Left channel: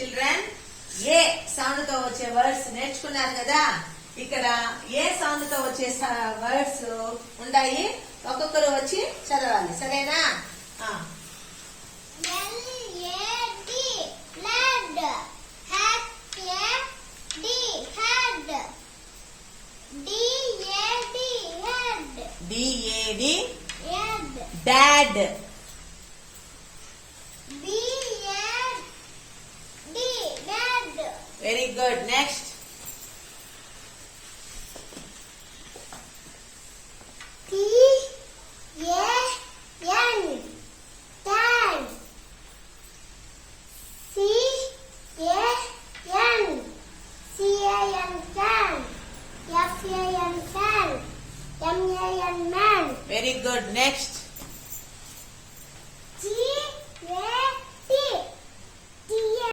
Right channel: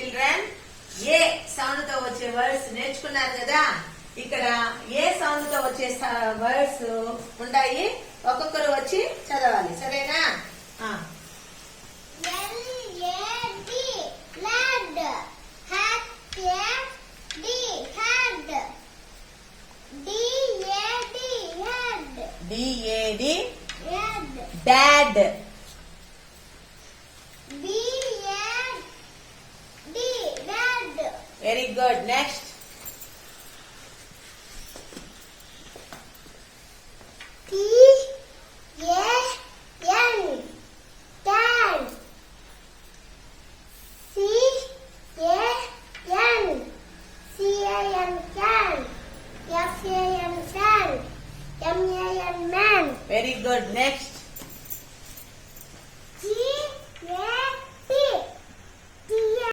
చిల్డ్రన్ ఏ సౌండ్ తో వచ్చే వర్డ్స్ నేర్చుకున్నారు కదా. ఇక్కడ ఏ సౌండ్ తో వచ్చే వర్డ్స్ ఉంటాయి, ఒక్కొక్కరు వచ్చి చదవాలి, సరేనా? D-A-D dad. B-A-D dad. Very good. Next.